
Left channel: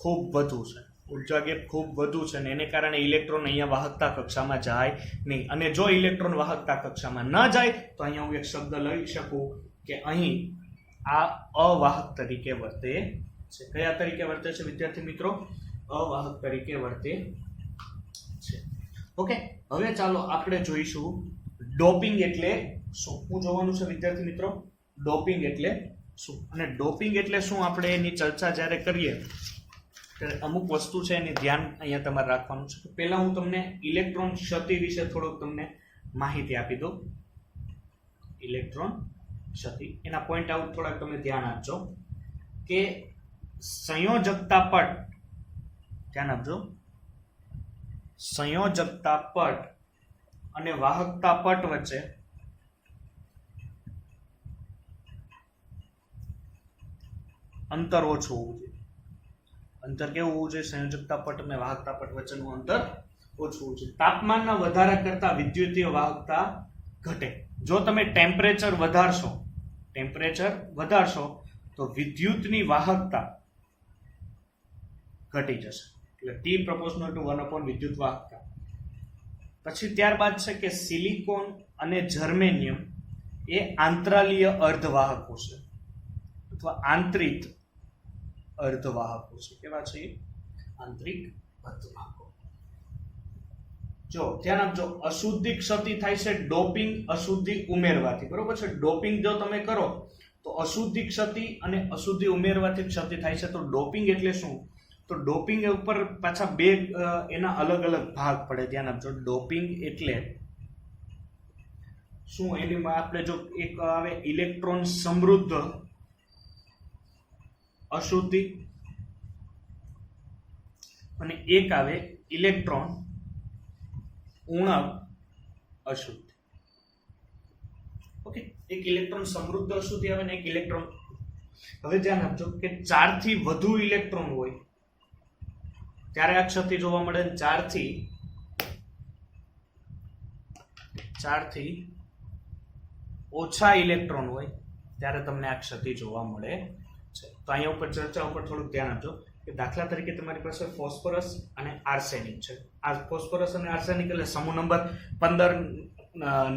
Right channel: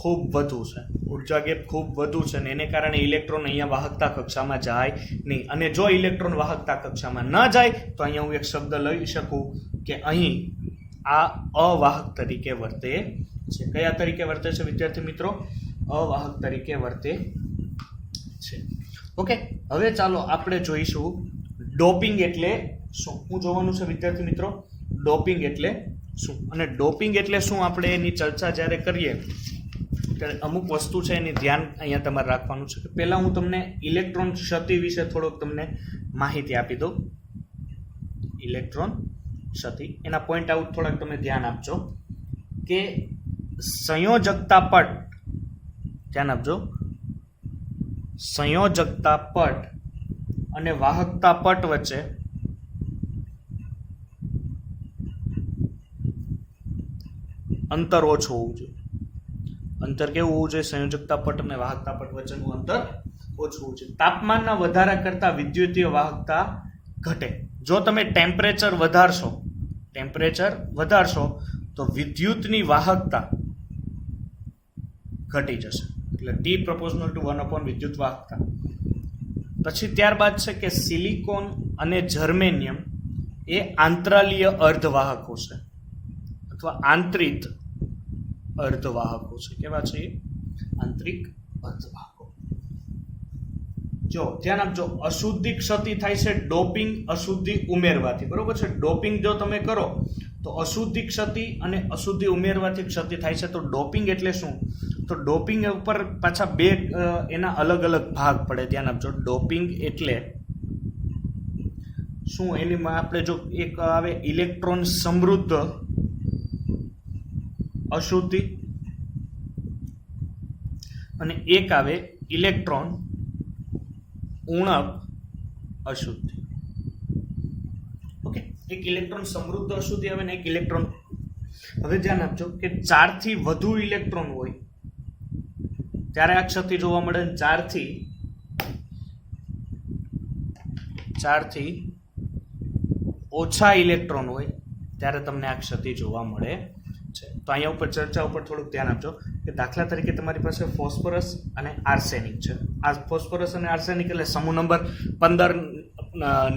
ખૂબ વધુ છે. ઉર્જા ગેપ ખૂબ વધુ છે, ને એને કારણે ઇલેક્ટ્રોન અહીંયા વાહકતા કક્ષામાં જાય નહીં. અને જો ઇલેક્ટ્રોન વાહકતા કક્ષામાં ન જાય તો અહીંયા હું એક શબ્દ લઈ શકું કે અહીં આ અવાહક તરીકે વર્તે છે. કયા તરીકે વર્તે છે વિદ્યાર્થી મિત્રો? અવાહક તરીકે વર્તે છે. ઓકે. હવે ચાલો આપણે જોઈશું ડોપિંગ એટલે શું. શું જોવાનું છે વિદ્યાર્થી મિત્રો? ડોપિંગ એટલે શું. અને ડોપિંગ એટલે શું, આપણે એની ચર્ચા જ્યારે કરીએ કે અમુક વસ્તુ છે એની ધ્યાન અહીંયા તમારે રાખવાનું છે. પહેલા હું તમને ઇલેક્ટ્રોન ક્ષતિ વિશે થોડોક તમને માહિતી આપી દઉં. ઇલેક્ટ્રોન ક્ષતિ, એના પોઈન્ટ આઉટ થોડાક તમે ધ્યાન આપજો કે સંયોજકતા પટ, ધ્યાન આપજો, સંયોજકતા પટ અને વાહકતા પટ વચ્ચે અંતર ઓછું હોવું જોઈએ. અંતર કેવું હોવું જોઈએ? સંયોજકતા પટ અને વાહકતા પટ વચ્ચેનું અંતર ઓછું હોવું જોઈએ. તાપમાનના વધારા કરતા વિદ્યુતીય વાહકતા ઘટે. જો તમે ટેમ્પરેચર વધારશો તો વિદ્યુતની વાહકતા ઘટી જશે. એટલે T proportional to 1 વિદ્યુત વાહકતા. પછી ત્યારબાદ છે કે સિલિકોન અને જર્મેનિયમ એ આંતરાલીય અર્ધવાહકો છે, અથવા આંતરિક અર્ધવાહકો છે. કેવા છે? આંતરિક અર્ધવાહકો. જો ધ્યાન આપજો, અશુદ્ધિ ક્ષતિ થાય છે ડોપિંગ અશુદ્ધિ ઉમેરવાથી. બરોબર છે. ડોપિંગ જો તમે કરો તો અશુદ્ધિ ક્ષતિ અને અશુદ્ધિ ઉમેરવાથી ક્ષતિ થાય છે. તો ડોપિંગ એટલે શું? તો ડોપિંગ ઉપર પાછા બે એના અલગ અલગ ભાગ પડે. ધ્યાન આપજો, ડોપિંગ એટલે શું? એનીમાં આપણે જો એક આવે ઇલેક્ટ્રોન સમૃદ્ધ અશુદ્ધિ, અને એક આવે ઇલેક્ટ્રોન ઉણપ અશુદ્ધિ. ઓકે. એક ઇલેક્ટ્રોન સમૃદ્ધ અશુદ્ધિ આવે ને એક ઇલેક્ટ્રોન. હવે ધ્યાન આપજો કે 4 થી વધુ ઇલેક્ટ્રોન હોય ત્યારે આ ક્ષતિ જોવા મળે. 4 થી ઓછા ઇલેક્ટ્રોન હોય ત્યારે તમને આ ક્ષતિ જોવા મળે છે. તો અહીંયા ઉપર ચર્ચા ઉપર થોડુંક ધ્યાન આપજો કે દાખલા તરીકે તમારી પાસે ફોસ્ફરસ અને આર્સેનિક છે. આ ફોસ્ફરસ અને આર્સેનિક એટલે સમૂહ નંબર 15,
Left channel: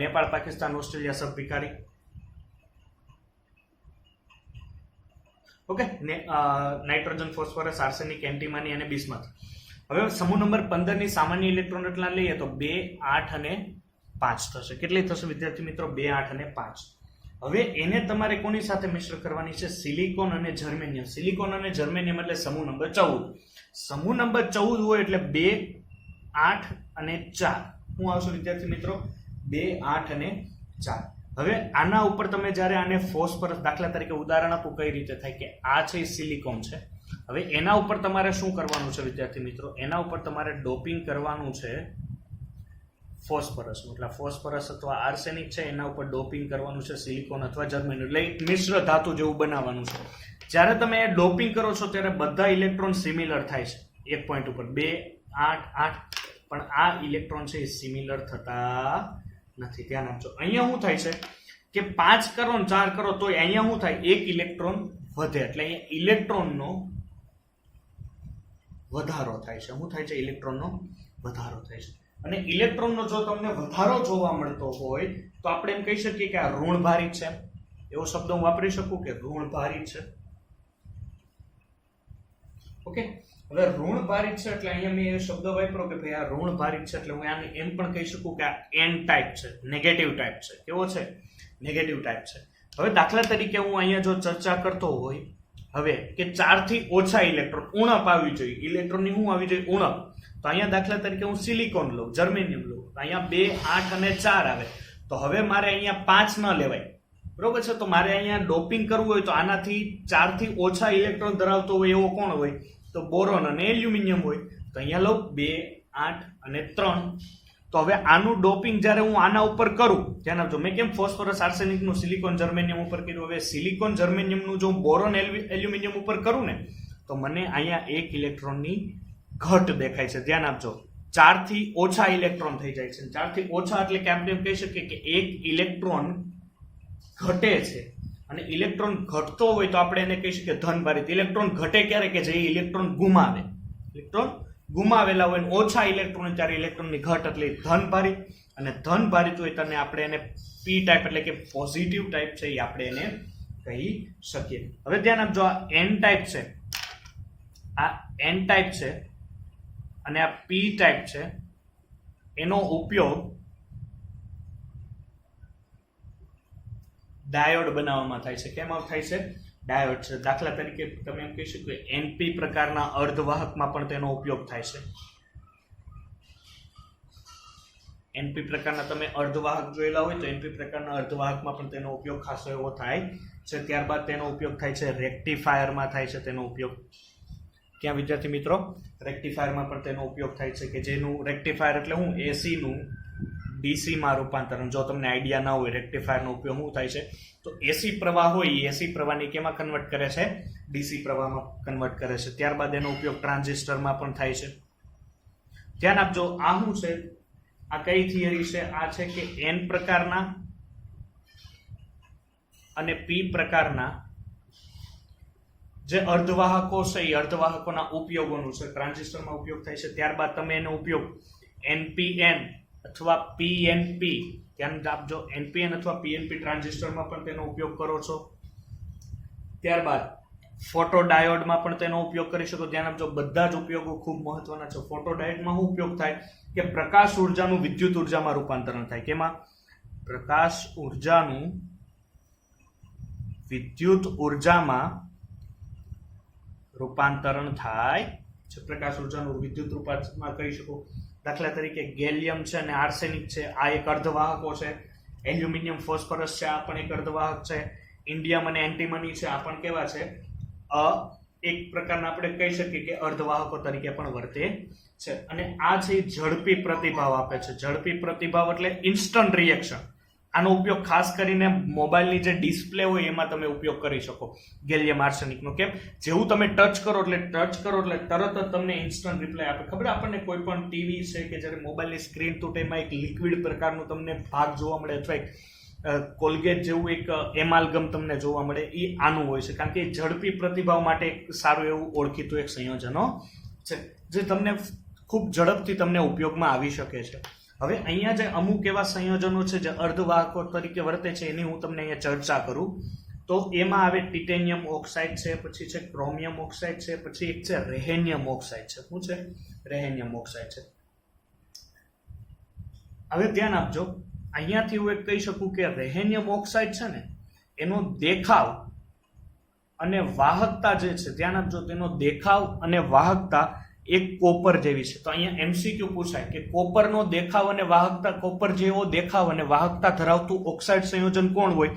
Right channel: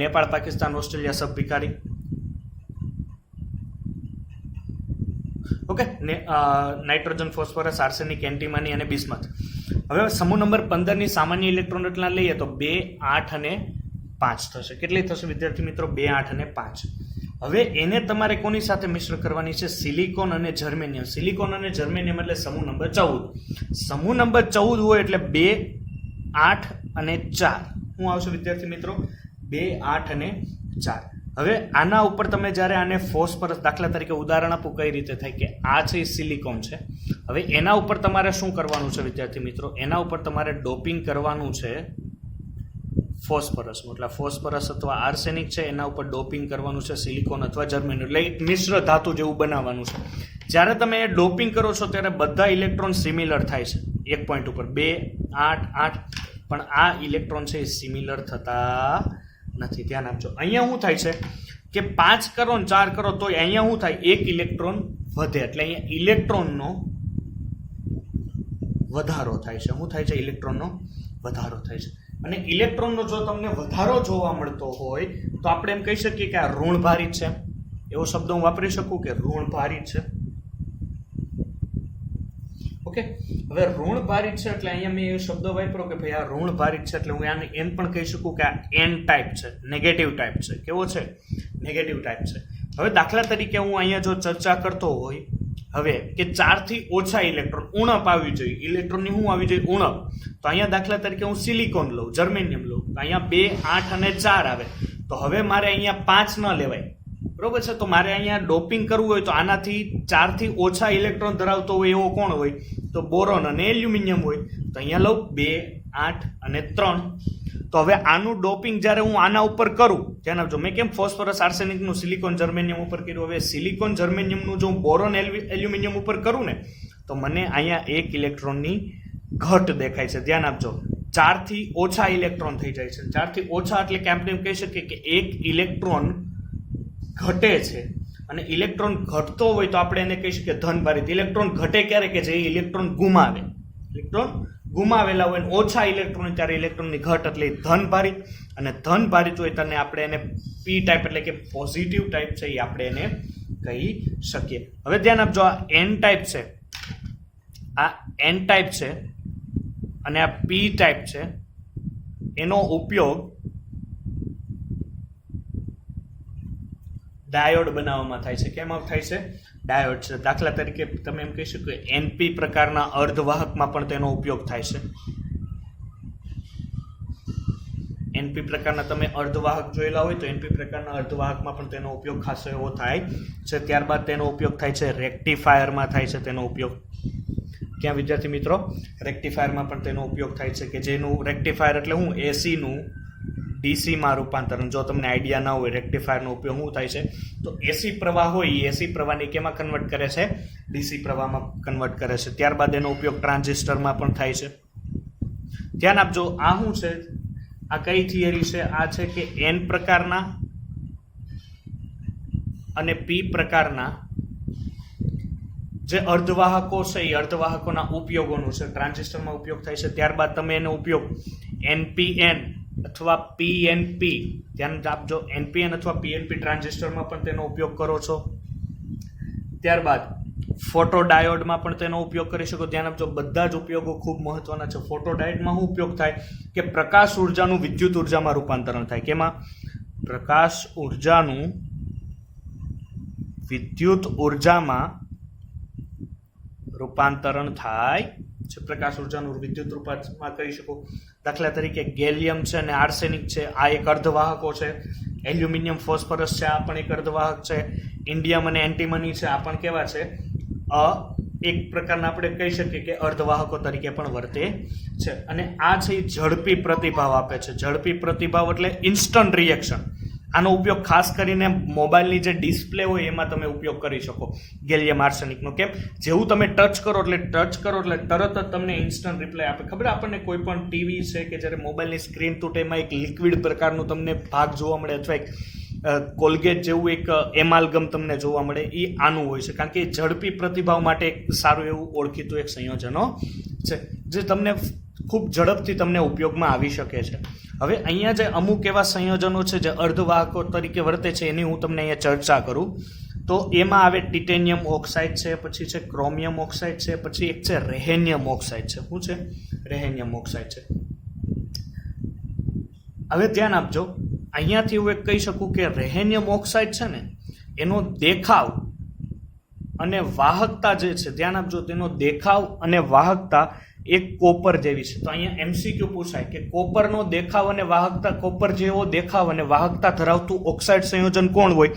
નેપાળ, પાકિસ્તાન, ઓસ્ટ્રેલિયા, સબ ભિખારી. Okay, nitrogen, phosphorus, arsenic, antimony અને બિસ્મથ. હવે સમૂહ નંબર 15 ની સામાન્ય ઇલેક્ટ્રોન રચના લઈએ તો 2, 8 અને 5 થશે. કેટલી થશે વિદ્યાર્થી મિત્રો? 2, 8 અને 5. હવે એને તમારે કોની સાથે મિશ્ર કરવાની છે? સિલિકોન અને જર્મેનિયમ. સિલિકોન અને જર્મેનિયમ એટલે સમૂહ નંબર 14. સમૂહ નંબર 14 હોય એટલે 2, 8 અને 4. શું આવશે વિદ્યાર્થી મિત્રો? 2, 8 અને 4. હવે આના ઉપર તમે જ્યારે આને ફોસ્ફરસ, દાખલા તરીકે ઉદાહરણ આપું કઈ રીતે થાય કે આ છે સિલિકોન છે. હવે એના ઉપર તમારે શું કરવાનું છે વિદ્યાર્થી મિત્રો? એના ઉપર તમારે ડોપિંગ કરવાનું છે ફોસ્ફરસ, એટલે ફોસ્ફરસ અથવા આર્સેનિક છે એના ઉપર ડોપિંગ કરવાનું છે સિલિકોન અથવા જર્મેનિયમ, એટલે મિશ્ર ધાતુ જેવું બનાવવાનું છે. જ્યારે તમે ડોપિંગ કરો છો ત્યારે બધા ઇલેક્ટ્રોન સિમિલર થાય છે એક પોઈન્ટ ઉપર, 2, 8, 8, પણ આ ઇલેક્ટ્રોન છે એ સિમિલર થતા નથી. ધ્યાન આપજો. અહીંયા શું થાય છે કે 5 કરો ને 4 કરો તો અહીંયા શું થાય? એક ઇલેક્ટ્રોન વધે, એટલે અહીંયા ઇલેક્ટ્રોનનો વધારો થાય છે. શું થાય છે? ઇલેક્ટ્રોનનો વધારો થાય છે. અને ઇલેક્ટ્રોનનો જો તમને વધારો જોવા મળતો હોય તો આપણે એમ કહી શકીએ કે આ ઋણભારિત છે. એવો શબ્દ હું વાપરી શકું કે ઋણભારિત છે. ઓકે, હવે ઋણભારિત છે એટલે અહીંયા મેં એ શબ્દ વાપર્યો કે ભાઈ આ ઋણભારિત છે, એટલે હું આને એમ પણ કહી શકું કે આ એન ટાઈપ છે, નેગેટિવ ટાઈપ છે. કેવો છે? નેગેટિવ ટાઈપ છે. હવે દાખલા તરીકે હું અહીંયા જો ચર્ચા કરતો હોય હવે કે 4 થી ઓછા ઇલેક્ટ્રોન, ઉણપ આવી જોઈએ, ઇલેક્ટ્રોનની શું આવી જોઈએ? ઉણપ. તો અહીંયા દાખલા તરીકે હું સિલિકોન લઉં, જર્મેનિયમ લઉં, અહીંયા 2, 8 અને 4 આવે. તો હવે મારે અહીંયા 5 ન લેવાય, બરોબર છે? તો મારે અહીંયા ડોપિંગ કરવું હોય તો આનાથી 4 થી ઓછા ઇલેક્ટ્રોન ધરાવતો હોય એવો કોણ હોય? તો બોરોન અને એલ્યુમિનિયમ હોય. તો અહીંયા લઉં 2, 8 અને 3. તો હવે આનું ડોપિંગ જ્યારે હું આના ઉપર કરું, ધ્યાન આપજો, મેં કેમ ફોસ્ફરસ, આર્સેનિકનું સિલિકોન, જર્મેનિયમ ઉપર કર્યું, હવે સિલિકોન, જર્મેનિયમનું જો હું બોરોન, એલ્યુમિનિયમ ઉપર કરું ને તો મને અહીંયા એક ઇલેક્ટ્રોનની ઘટ દેખાય છે. ધ્યાન આપજો, 4 થી ઓછા ઇલેક્ટ્રોન થઈ જાય છે. 4 થી ઓછા એટલે કે આપણે કહી શકીએ કે એક ઇલેક્ટ્રોન ઘટે છે. અને ઇલેક્ટ્રોન ઘટતો હોય તો આપણે એને કહી શકીએ ધનભારિત. ઇલેક્ટ્રોન ઘટે ક્યારે? કે જે ઇલેક્ટ્રોન ગુમાવે, ઇલેક્ટ્રોન ગુમાવેલા હોય, ઓછા ઇલેક્ટ્રોન ત્યારે ઇલેક્ટ્રોનની ઘટ, એટલે ધનભારિત. અને ધનભારિત હોય તેને આપણે એને પી ટાઈપ એટલે કે પોઝિટિવ ટાઈપ છે એ આપણે એને કહી શકીએ. હવે ધ્યાન આપજો, આ એન ટાઈપ છે, આ એન ટાઈપ છે અને આ પી ટાઈપ છે. એનો ઉપયોગ ડાયોડ બનાવવામાં થાય છે. કેમાં થાય છે? ડાયોડ છે. દાખલા તરીકે તમે એમ કહી શકો એનપી પ્રકારના અર્ધવાહકમાં પણ તેનો ઉપયોગ થાય છે. એનપી પ્રકારના તમે અર્ધવાહક જોયેલા હોય તો એનપી પ્રકારના અર્ધવાહકમાં પણ તેનો ઉપયોગ ખાસ એવો થાય છે. ત્યારબાદ તેનો ઉપયોગ થાય છે રેક્ટિફાયરમાં થાય છે તેનો ઉપયોગ. ક્યાં વિદ્યાર્થી મિત્રો? રેક્ટિફાયરમાં પણ તેનો ઉપયોગ થાય છે, કે જેનું રેક્ટિફાયર એટલે હું એસીનું ડીસીમાં રૂપાંતરણ. જો તમને આઈડિયા ના હોય રેક્ટિફાયરનો ઉપયોગ શું થાય છે તો એસી પ્રવાહ હોય એ એસી પ્રવાહને કેમાં કન્વર્ટ કરે છે? ડીસી પ્રવાહમાં કન્વર્ટ કરે છે. ત્યારબાદ એનો ઉપયોગ ટ્રાન્ઝિસ્ટરમાં પણ થાય છે. ધ્યાન આપજો, આ શું છે? આ કઈ થિયરી છે? આ છે કે એન પ્રકારના અને પી પ્રકારના જે અર્ધવાહકો છે એ અર્ધવાહકોના ઉપયોગોનું છે. ટ્રાન્ઝિસ્ટરમાં ઉપયોગ થાય છે. ત્યારબાદ તમે એનો ઉપયોગ એનપીએન અથવા પીએનપી, ધ્યાન આપજો, એનપીએન અથવા પીએનપી ટ્રાન્ઝિસ્ટરમાં પણ તેનો ઉપયોગ કરો છો. ત્યારબાદ ફોટોડાયોડમાં પણ તેનો ઉપયોગ કરી શકો. ધ્યાન આપજો, બધા જ ઉપયોગો ખૂબ મહત્વના છે. ફોટોડાયોડમાં શું ઉપયોગ થાય કે પ્રકાશ ઉર્જાનું વિદ્યુત ઉર્જામાં રૂપાંતરણ થાય. કેમાં? પ્રકાશ ઉર્જાનું વિદ્યુત ઉર્જામાં રૂપાંતરણ થાય છે. પ્રકાશ ઉર્જાનું વિદ્યુત રૂપાંતરમાં કરી શકો. દાખલા તરીકે ગેલિયમ છે અને આર્સેનિક છે, આ એક અર્ધવાહકો છે. એલ્યુમિનિયમ, ફોસ્ફરસ છે, આ પણ એક અર્ધવાહક છે. ઇન્ડિયમ અને એન્ટીમની છે, આ પણ કેવા છે? એક પ્રકારના આપણે કહી શકીએ કે અર્ધવાહકો તરીકે પણ વર્તે છે. અને આ છે ઝડપી પ્રતિભાવ આપે છે. ઝડપી પ્રતિભાવ એટલે ઇન્સ્ટન્ટ રિએક્શન. આનો ઉપયોગ ખાસ કરીને મોબાઈલની જે ડિસ્પ્લે હોય એમાં તમે ઉપયોગ કરી શકો ગેલિયમ આર્સેનિકનો. કેમ? જેવું તમે ટચ કરો એટલે તરત જ તમને ઇન્સ્ટન્ટ રિપ્લાય આપે. ખબર આપણને કોઈ પણ ટીવી છે કે જ્યારે મોબાઈલની સ્ક્રીન તૂટે એમાં એક લિક્વિડ પ્રકારનું તમને ભાગ જોવા મળે, અથવા એક કોલગેટ જેવું એક એમાલગમ તમને જોવા મળે, એ આનું હોય છે. કારણ કે ઝડપી પ્રતિભાવ માટે એક સારું એવું ઓળખીતું એક સંયોજનો છે જે તમને ખૂબ ઝડપથી તમને ઉપયોગમાં આવી શકે છે. હવે અહીંયા જે અમુક એવા સંયોજનો છે જે અર્ધવાહકો તરીકે વર્તે છે એની હું તમને અહીંયા ચર્ચા કરું. તો એમાં આવે ટિટેનિયમ ઓક્સાઇડ છે, પછી છે ક્રોમિયમ ઓક્સાઇડ છે, પછી એક છે રેહેનિયમ ઓક્સાઇડ છે. શું છે? રેહેનિયમ ઓક્સાઇડ છે. હવે ધ્યાન આપજો, અહીંયાથી હું એક કહી શકું કે રેહેનિયમ ઓક્સાઇડ છે ને એનો દેખાવ અને વાહકતા જે છે, ધ્યાન આપજો, તેનો દેખાવ અને વાહકતા એક કોપર જેવી છે. તો અહીંયા MCQ પૂછાય કે કોપરનો દેખાવ અને વાહકતા, કોપર જેવો દેખાવ અને વાહકતા ધરાવતું ઓક્સાઇડ સંયોજન કોણ હોય?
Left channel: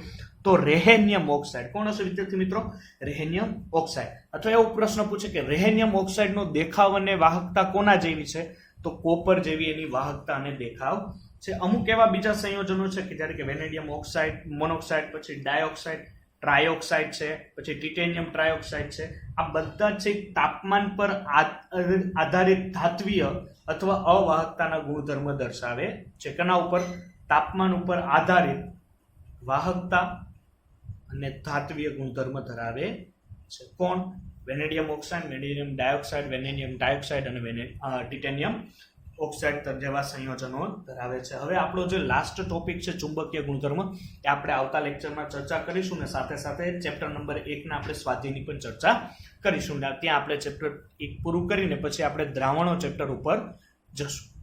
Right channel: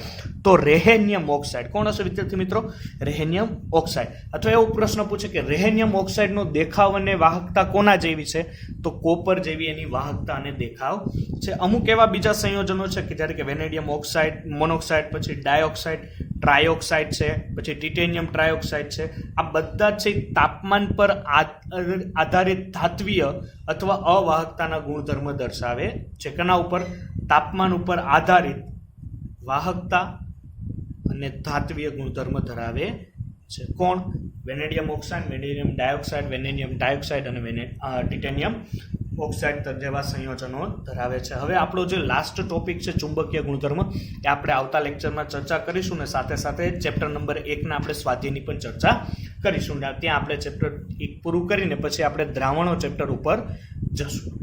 તો રેહેનિયમ ઓક્સાઇડ. કોણ હશે વિદ્યાર્થી મિત્રો? રેહેનિયમ ઓક્સાઇડ. અથવા એવો પ્રશ્ન પૂછે કે રેહેનિયમ ઓક્સાઇડનો દેખાવ અને વાહકતા કોના જેવી છે? તો કોપર જેવી એની વાહકતા અને દેખાવ છે. અમુક એવા બીજા સંયોજનો છે કે જ્યારે કે વેનેડિયમ ઓક્સાઇડ, મોનોક્સાઇડ, પછી ડાયોક્સાઇડ, ટ્રાયોક્સાઇડ છે, પછી ટિટેનિયમ ટ્રાયોક્સાઇડ છે. આ બધા છે તાપમાન પર આધારિત ધાત્વીય અથવા અવાહકતાના ગુણધર્મ દર્શાવે છે. કેના ઉપર? તાપમાન ઉપર આધારિત વાહકતા અને ધાત્વીય ગુણધર્મ ધરાવે છે. કોણ? Vanadium oxide, vanadium dioxide, vanadium dioxide અને ટિટેનિયમ ઓક્સાઇડ જેવા સંયોજનો ધરાવે છે. હવે આપણો જે લાસ્ટ ટોપિક છે ચુંબકીય ગુણધર્મ, એ આપણે આવતા લેક્ચરમાં ચર્ચા કરીશું ને સાથે સાથે ચેપ્ટર નંબર 1 આપણે સ્વાધ્યાયની પણ ચર્ચા કરીશું. ત્યાં આપણે ચેપ્ટર 1 પૂરું કરીને પછી આપણે દ્રાવણો ચેપ્ટર ઉપર જશું.